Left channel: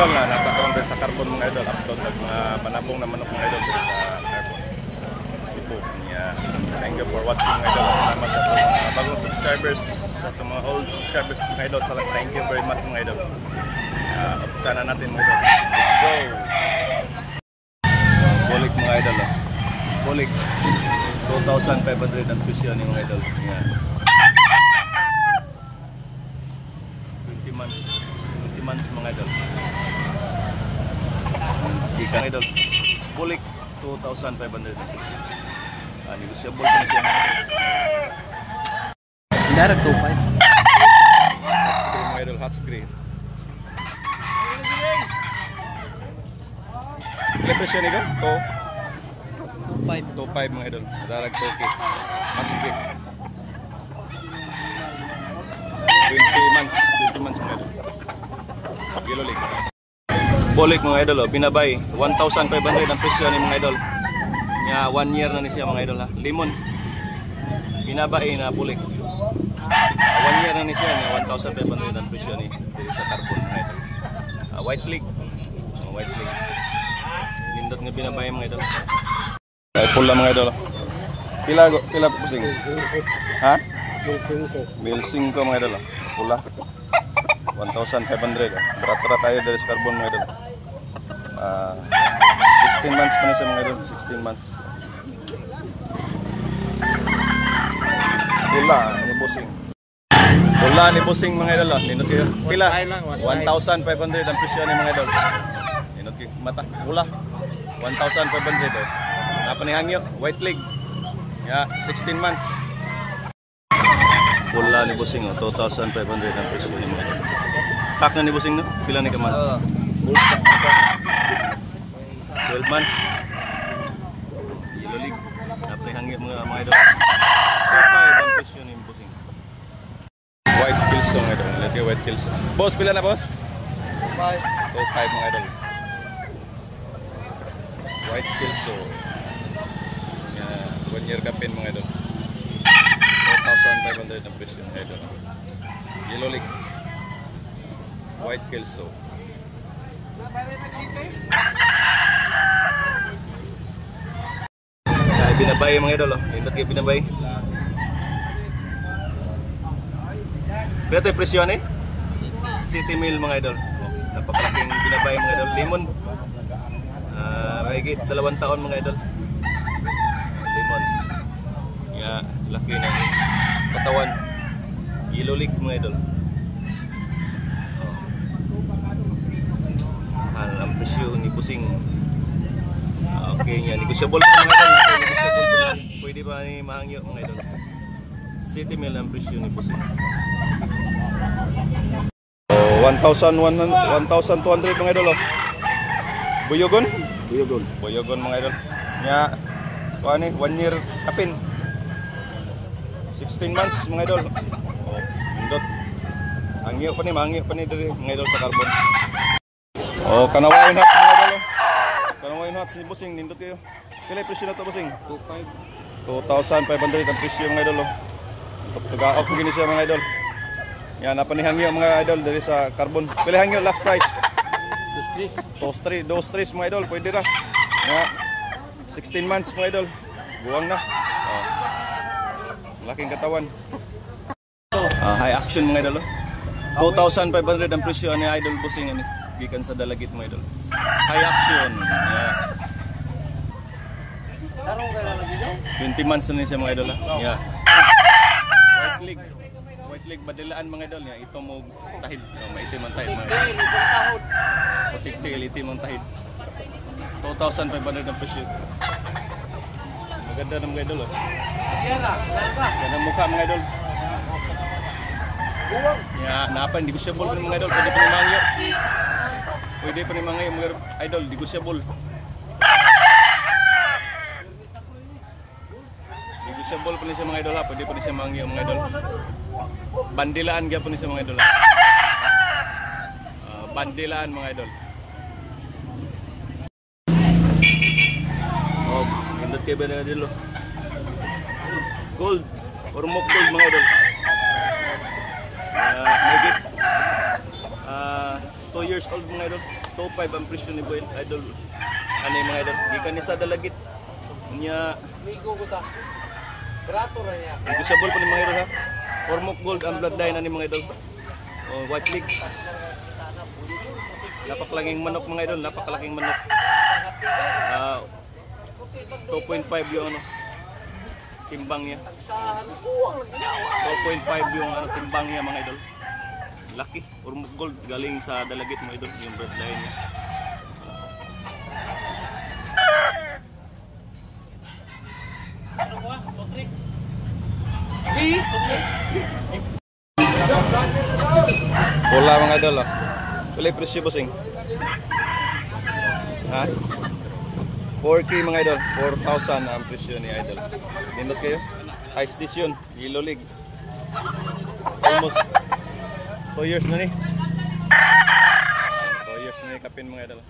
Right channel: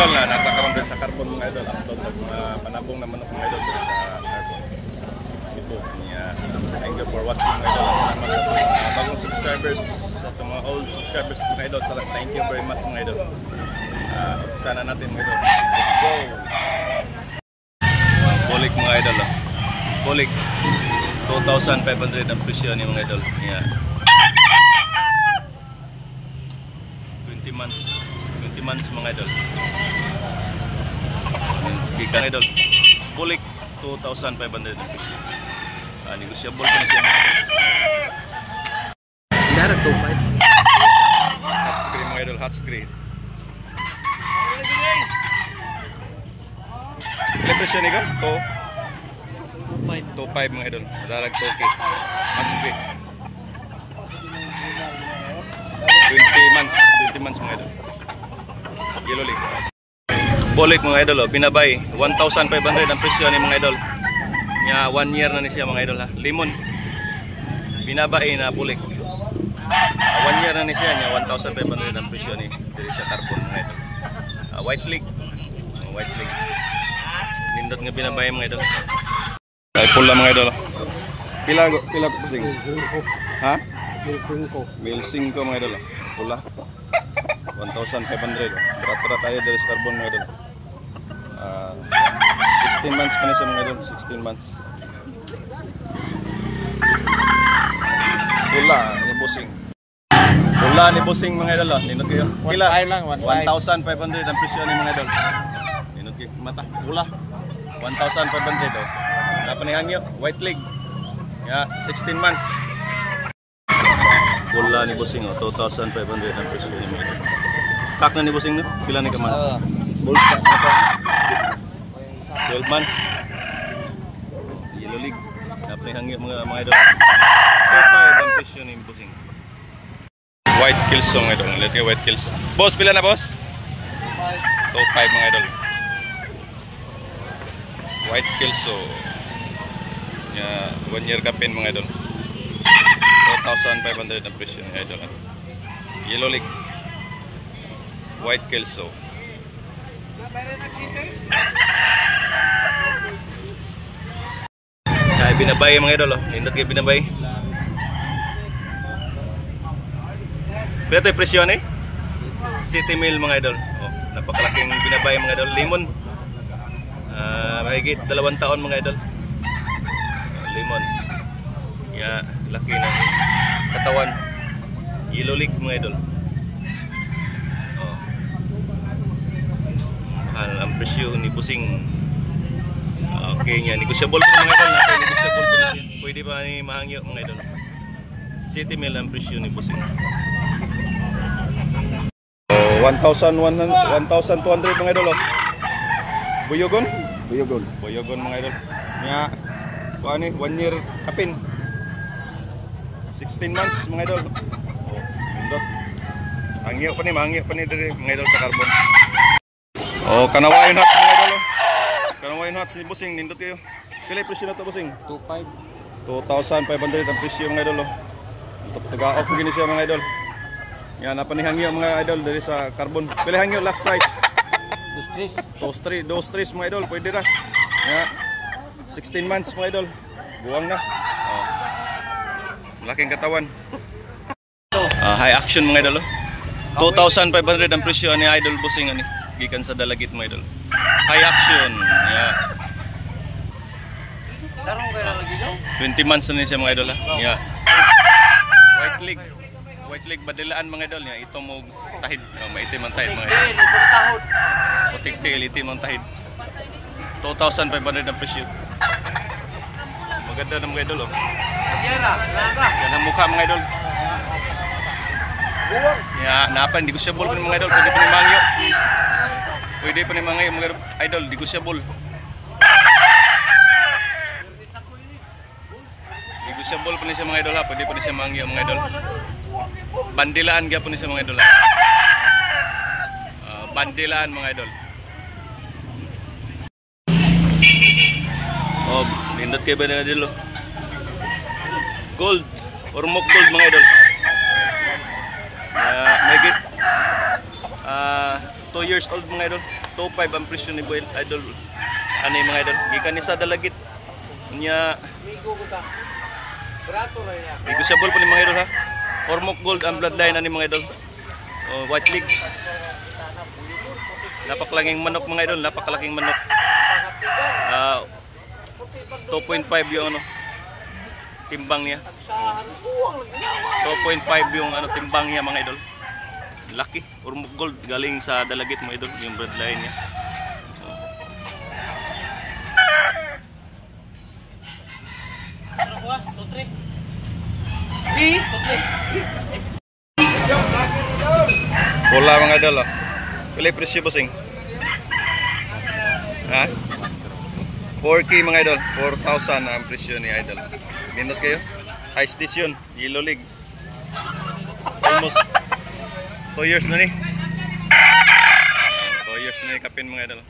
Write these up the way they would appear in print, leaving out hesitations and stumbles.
idol na natakaroon din sa carbon mga idol. Upload ng mga panabong na manok mga idol din sa carbon. Cebu niya. Thank you for watching mga idol. Salamat sa mga bagong subscribers, sa mga old subscribers mga idol. Thank you very much mga idol. Umpisa na natin mga idol. Let's go! Bulik mga idol. Bulik 2,500 ang presyo ni mga idol. Yeah. 20 months mga idol. Ikan idol. Bulik 2,500 ang presyo. Negotiable pa na siya mga idol. Direct 2.5. Hot screen mga idol, hot screen. Ilan presyo ni ko? 2.5 mga idol. Dalag 2K. Hot screen. 20 months mga idol. Yellow League. Bulik mga idol, binabay 1,500 ang presyo ni mga idol. Nya 1 year na ni siya mga idol ha. Limon. Binabay na bulik. 1 year na ni siya nya 1,500 ang presyo ni diri sa carbon mga idol. White League. White League. Nindot nga binabay mga idol. Ay pula mga idol. Pila pusing? Ha? 1,500 mga idol. Pula. 1,500. Berat-berat tayo dari carbon mga idol. 16 months pa na siya mga idol. 16 months. Pula ni busing. Pula ni busing mga idol. Ninot kayo. Pila? 1,500 ang presyo ni mga idol. Ninot kayo. Mata. Pula. 1,500 oh. Napanihangyo. White League. 16 months. Pula ni busing oh. 2,500 ang presyo ni mga idol. Kak na ni busing no? Pila ni ka months? 12 months. Yellow League. Napanihangyo mga idol. 2,500 ang presyo ni busing. White Kilsong idol. Lihat kayo White Kilsong. Boss, pila na boss? 2,500 mga idol. White Kilsong. 1 year kapin mga idol. 4,500 ang presyo ni idol. Yellow League. White Kelso. Kaya binabay mga idol. Nindot kayo binabay. Pero ito yung presyo ni? City Mill mga idol. Napakalaking binabay mga idol. Limon. Mahigit 2 taon mga idol. Limon. Laki ng katawan. Yellow League mga idol. Mahal ang presyo ni busing. Okay nga, negotiable pa mga idol. Negotiable pa na. Pwede pa ni mahangyo mga idol. City Mill ang presyo ni busing. 1,200 mga idol. Buyogon? Buyogon mga idol. Nya, 1 year kapin. 16 months mga idol. Nindot. Mahangyo pa ni diri mga idol sa carbon. Kanawain hats mga idol. Kanawain hats ni busing nindot kayo. Pila presyo na to busing? 2,500 ang presyo mga idol. Tugaok ko gini siya mga idol. Yan napanihangyo mga idol diri sa carbon. Pila hangyo last price? 2,300 mga idol, pwede ra. 16 months mga idol. Buwang na. Malaking katawan. High action mga idol. 2,500 ang presyo ni idol busing ani. Gikan sa Dalagit mga idol. High action. 20 months na siya mga idol ha. White League badilaan mga idol niya. Ito mo tahid. Maitim ang tahid mga idol. Putik tail, itim ang tahid. 2,500 ang presyo. Maganda na mga idol oh. Yan ang mukha mga idol. Napa, negotiable pa ni mga idol. Pwede pa ni mangyo. Pwede pa ni mangyo mga idol. Negotiable. Negotiable pa ni siya mga idol ha. Pwede pa ni siya mangyo mga idol. Bandilaan kaya po ni siya mga idol ha. Bandilaan mga idol. Nindot kayo ba na idol oh. Gold. Ormoc gold mga idol. Megit 2 years old mga idol. 2.5 ang presyo ni Boy Idol. Ano yung mga idol? Gikan ni sa dalagit. Nya negotiable po ni mga idol ha. Ormoc Gold ang bloodline ani mga idol. White leg. Napakalaging manok mga idol, napakalaking manok. 2.5 yung ano timbang niya. 2.5 yung ano timbang niya mga idol. Laki, Ormoc Gold galing sa dalagit mga idol, yung bloodline niya. Pula mga idol. Pilay presyo bossing. Ha? 4K mga idol, 4,000 ang presyo ni idol. Nindot kayo? High station, yellow leg. Almost 2 years na ni. 2 years na ni kapin mga idol.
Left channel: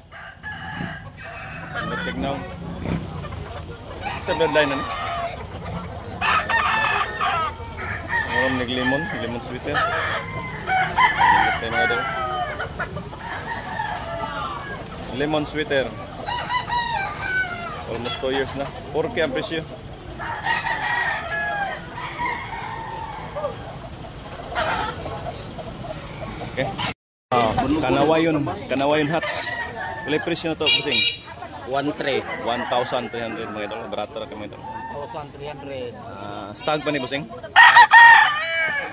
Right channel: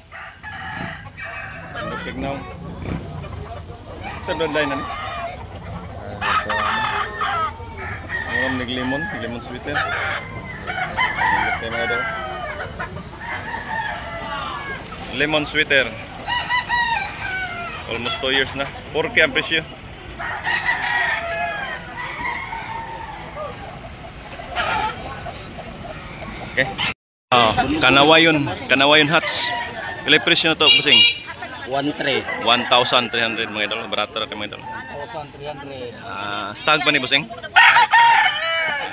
Nindot tignaw. Sa bloodline na ni. Maram nig lemon, lemon sweeter. Nindot kayo mga idol. Lemon sweeter. Almost 2 years na. 4K ang presyo. Okay. Kanawayon hats. Pilay presyo na to, bossing? 1,300. 1,300 mga idol. Barato ra kay mga idol. 1,300. Stag pa ni bossing?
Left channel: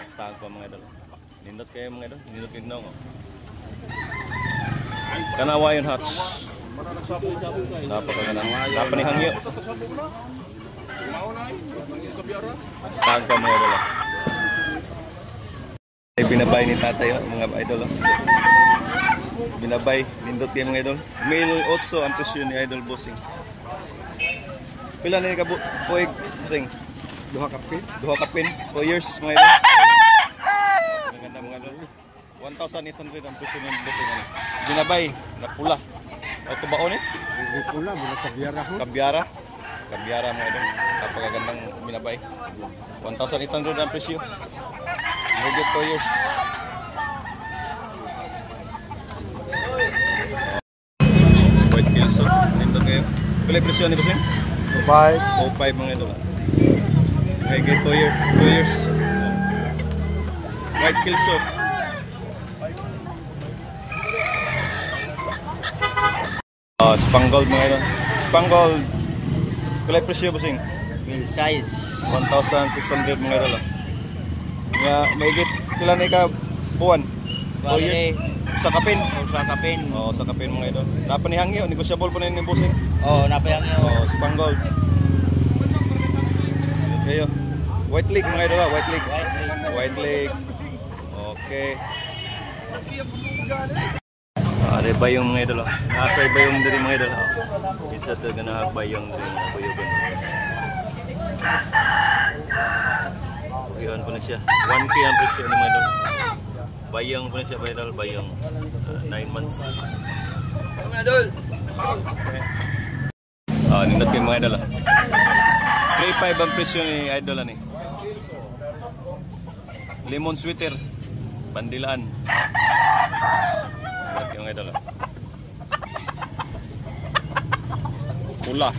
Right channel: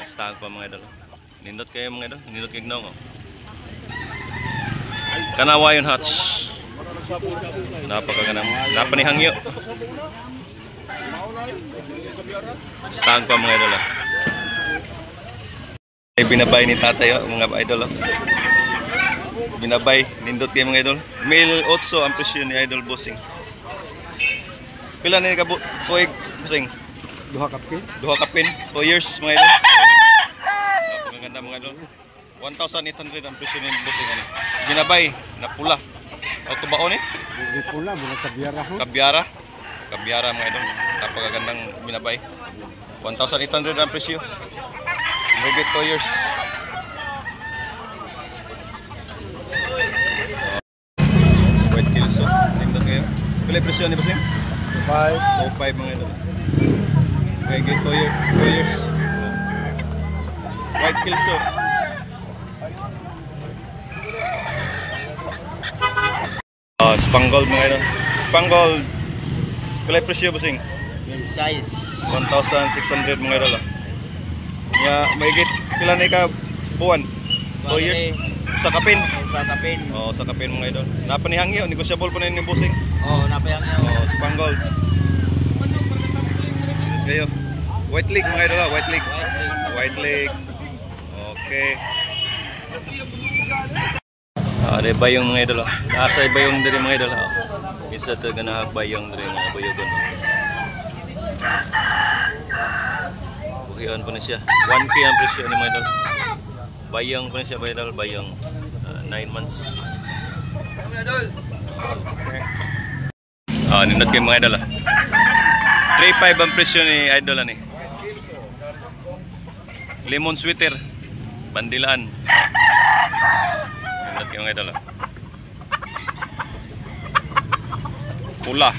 Stag pa mga idol. Nindot kayo mga idol. Nindot kayo gnaw. Kanawayon hats. Napakaganda. Napanihangyo. Stag pa mga idol. Ay binabay ni tatay mga idol. Binabay, nindot kayo mga idol. Male 8 ang presyo ni idol bossing. Pila na ni ka puig bossing? Duha kapin. 2 years mga idol. Napakaganda mga idol. 1,800 ang presyo ni bossing. Binabay na pula. Auto baon eh? Pula, kabyara ho. Kabyara mga idol. Napakagandang binabay. 1,800 ang presyo. Magigit 2 years. White Kilso. Nindot kayo. Pila presyo ni bossing? 5 mga idol. Magigit 2 years. White Kilso. Spangled mga idol. Spangled. Pila presyo bossing? Yung size. 1,600 mga idol. Nga maigit pila na ka buwan? 2 years. Sa kapin. Sa kapin mga idol. Napanihangyo, negotiable po na yung bossing. Napayangyo. Spangled. Kayo. White leg mga idol, white leg. White leg. Okay. Ada bayong mga idol. Nasa bayong dari mga idol. Bisa terkena bayong dari mga bayogon. Bukian po na siya. 1K ang presyo ni mga idol. Bayong po na siya mga idol. Bayong 9 months. Nindot kayo mga idol. 3.5 ang presyo ni idol ni. Lemon sweeter. Bandilaan. Nindot kayo mga idol. Pula.